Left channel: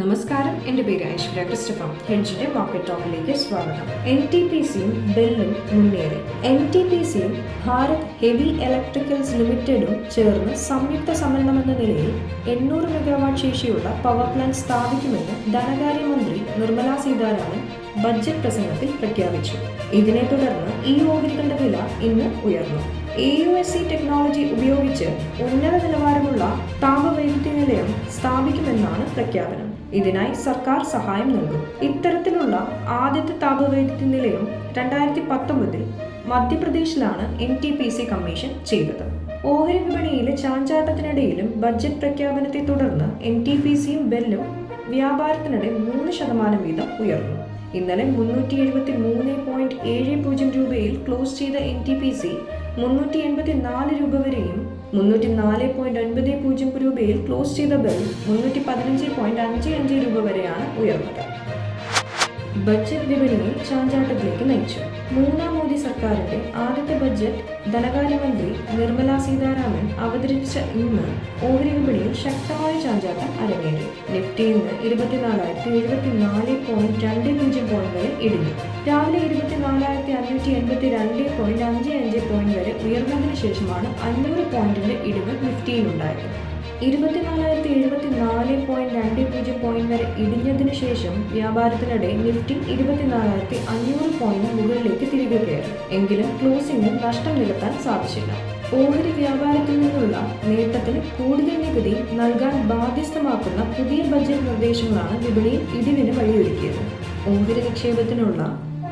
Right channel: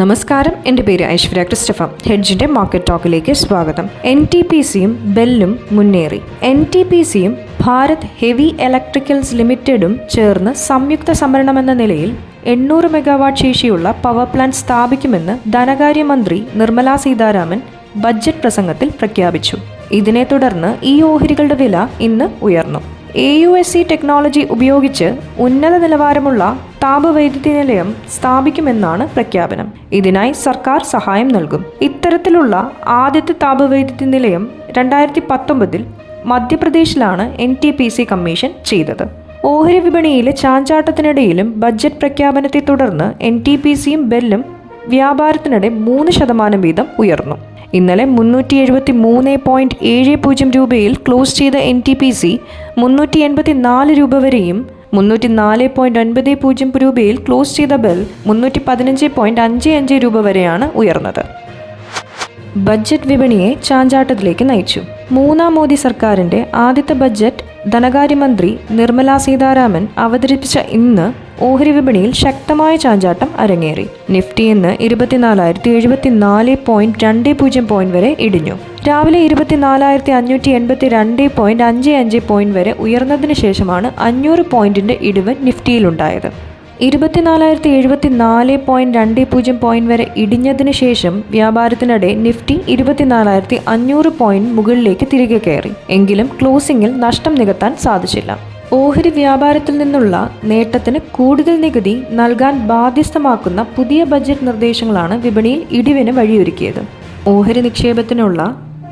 നമസ്കാരം. എന്റെ പേര് ഐശ്വര്യ ക്രിസ്റ്റഫ ഹെഡ്ജിന്റെ മാർക്കറ്റ് ടോക്കിലേക്ക് സ്വാഗതം. എൻ ടി പി സിയും ബെല്ലും മുന്നേറി. എൻ ടി പി സിയും ഭാരത് ഹെവി ഇലക്ട്രിക്കൽസ് ലിമിറ്റഡും ചേർന്ന് സംയുക്ത സംഭരണമെന്ന നിലയിൽ എണ്ണൂറ് മെഗാവാട്ട് ശേഷിയുള്ള പവർ പ്ലാന്റ് സ്ഥാപിക്കുമെന്ന് ധനകാര്യമന്ത്രി നിർമ്മലാ സീതാരാമൻ ബജറ്റ് പ്രസംഗത്തിൽ പ്രഖ്യാപിച്ചു. ഇതിനെ തുടർന്ന് ഈ ഓഹരികളുടെ വില ഇന്ന് ഉയർന്നു. A U S C technology ഉപയോഗിച്ച് ഉന്നത നിലവാരമുള്ള താപവൈദ്യുതി നിലയം സ്ഥാപിക്കുമെന്നാണ് പ്രഖ്യാപനം. ഇതിനായി സർക്കാർ സഹായം നൽകും. ഇത്തരത്തിലുള്ള ആദ്യത്തെ താപവൈദ്യുതി നിലയം രണ്ടായിരത്തി പത്തൊമ്പതിൽ മധ്യപ്രദേശിലാണ് N T P C commission ചെയ്തത്. ഓഹരി വിപണിയിലെ ചാഞ്ചാട്ടത്തിനിടയിലും ബജറ്റ് പ്രഖ്യാപനത്തെ തുടർന്ന് എൻ ടി പി സിയും ബെല്ലും വ്യാപാരത്തിനിടെ മൂന്ന് ശതമാനം വീതം ഉയർന്നു. ഇന്നലെ മുന്നൂറ്റി എഴുപത്തി മൂന്ന് പോയിന്റ് ഏഴ് പൂജ്യം രൂപയിൽ ക്ലോസ് ചെയ്ത എൻ ടി പി സി മുന്നൂറ്റി എൺപത്തി നാല് രൂപ വരെയും മുന്നൂറ്റി നാല് പോയിന്റ് ഒൻപത് പൂജ്യം രൂപയിൽ ക്ലോസ് ചെയ്ത ബെൽ മുന്നൂറ്റി പതിനഞ്ച് പോയിന്റ് അഞ്ച് അഞ്ച് രൂപ വരെയാണ് ഉയർന്നത്. ബഡ്ജറ്റ് വിപണിയെ ചാഞ്ചാട്ടത്തിലേക്ക് നയിച്ചു. മൂന്നാം മോദി സർക്കാരിന്റെ ആദ്യത്തെ ബജറ്റ് ധനകാര്യമന്ത്രി നിർമ്മല സീതാരാമൻ അവതരിപ്പിച്ച ഇന്ന് ഓഹരി വിപണിയിൽ ശക്തമായ ചാഞ്ചാട്ടം അരങ്ങേറി. നിഫ്റ്റി ഇന്ന് ഇരുപത്തിനാലായിരത്തി എഴുപത്തിനാല് പോയിന്റ് രണ്ട് പൂജ്യം പോയിന്റ് വരെ ഇടിഞ്ഞു. രാവിലെ ഇരുപത്തിനാലായിരത്തി അഞ്ഞൂറ്റി എൺപത്തി രണ്ട് പോയിന്റ് അഞ്ച് അഞ്ച് പോയിന്റ് വരെ ഉയർന്നതിന് ശേഷമാണ് അഞ്ഞൂറ് പോയിന്റിന്റെ ഇടിവ് നിഫ്റ്റിയിലുണ്ടായത്. ഇരുപത്തിനാലായിരത്തി എഴുപത്തി നാല് പോയിന്റ് രണ്ട് പൂജ്യം പോയിന്റ് വരെ ഇടിഞ്ഞതിന് ശേഷം വ്യാപാരത്തിനിടെ നിഫ്റ്റി ഇരുപത്തിനാലായിരത്തി അഞ്ഞൂറ് പോയിന്റ് മുകളിലേക്ക് തിരികെ കയറി. എങ്കിലും ക്ലോസിംഗിൽ നഷ്ടം നികത്താൻ സാധിച്ചില്ല. ഓഹരി വ്യാപാരത്തിൽ നിന്നുള്ള നേട്ടത്തിന് കൂടുതൽ നികുതി നൽകാൻ ബാധ്യസ്ഥമാക്കുന്ന പുതിയ ബജറ്റ് നിർദ്ദേശങ്ങളാണ് വിപണിയിൽ ഇടിവിന് വഴിയൊരുക്കിയത്. ഓഹരി നിക്ഷേപത്തിനുള്ള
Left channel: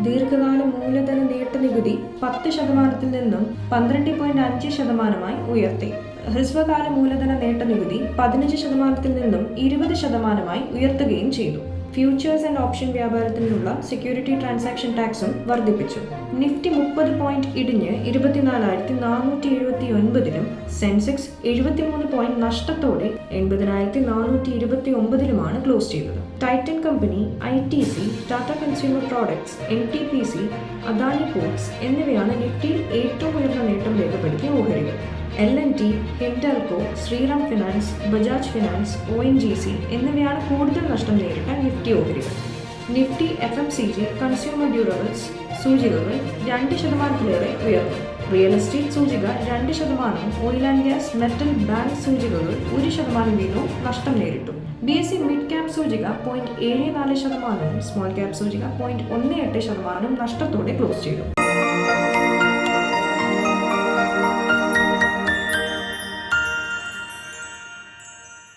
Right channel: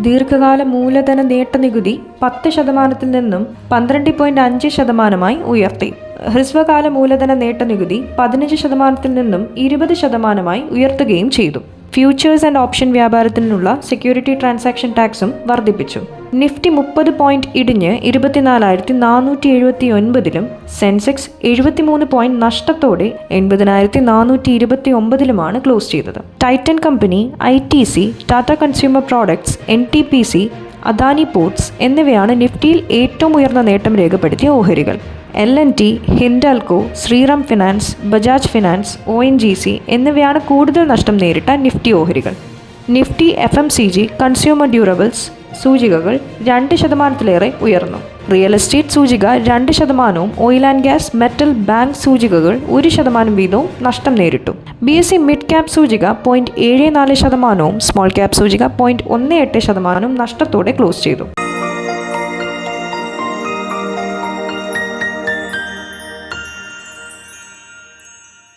ദീർഘകാല മൂലധന നേട്ട നികുതി പത്ത് ശതമാനത്തിൽ നിന്നും പന്ത്രണ്ട് പോയിന്റ് അഞ്ച് ശതമാനമായി ഉയർത്തി. ഹ്രസ്വകാല മൂലധന നേട്ട നികുതി പതിനഞ്ച് ശതമാനത്തിൽ നിന്നും ഇരുപത് ശതമാനമായി ഉയർത്തുകയും ചെയ്തു. ഫ്യൂച്ചേഴ്സ് ആൻഡ് ഓപ്ഷൻ വ്യാപാരത്തിനുള്ള സെക്യൂരിറ്റി ട്രാൻസാക്ഷൻ ടാക്സും വർദ്ധിപ്പിച്ചു. നിഫ്റ്റി മുപ്പത് പോയിന്റ് ഇടിഞ്ഞ് ഇരുപത്തിനാലായിരത്തി നാനൂറ്റി എഴുപത്തി ഒൻപതിലും സെൻസെക്സ് എഴുപത്തിമൂന്ന് പോയിന്റ് നഷ്ടത്തോടെ എൺപതിനായിരത്തി നാനൂറ്റി ഇരുപത്തി ഒമ്പതിലുമാണ് ക്ലോസ് ചെയ്തത്. Titan company I T C Tata consumer products N T P C Adani ports എന്നിവയാണ് നിഫ്റ്റിയിൽ ഏറ്റവും ഉയർന്ന നേട്ടം രേഖപ്പെടുത്തിയ ഓഹരികൾ. L N T Hindalco Shriram finance Bajaj finance O N G C എന്നിവയാണ് കൂടുതൽ നഷ്ടം നേരിട്ട നിഫ്റ്റി ഓഹരികൾ. Nifty F M C G consumer durables സൂചികകൾ രണ്ട് ശതമാനത്തിലേറെ ഉയർന്നു. റിയൽ എസ്റ്റേറ്റ് സൂചിക രണ്ട് ശതമാനവും oil and gas metal bank സൂചികകൾ ഒരു ശതമാനം വീതവും നഷ്ടം നേരിട്ടു. B S C mid cap സൂചിക പോയിന്റ് ഏഴ് നാല് ശതമാനവും സ്മോൾ ക്യാപ് സൂചിക പോയിന്റ് ഒന്ന് എട്ട് ശതമാനവും നഷ്ടത്തോടെ ക്ലോസ് ചെയ്തു.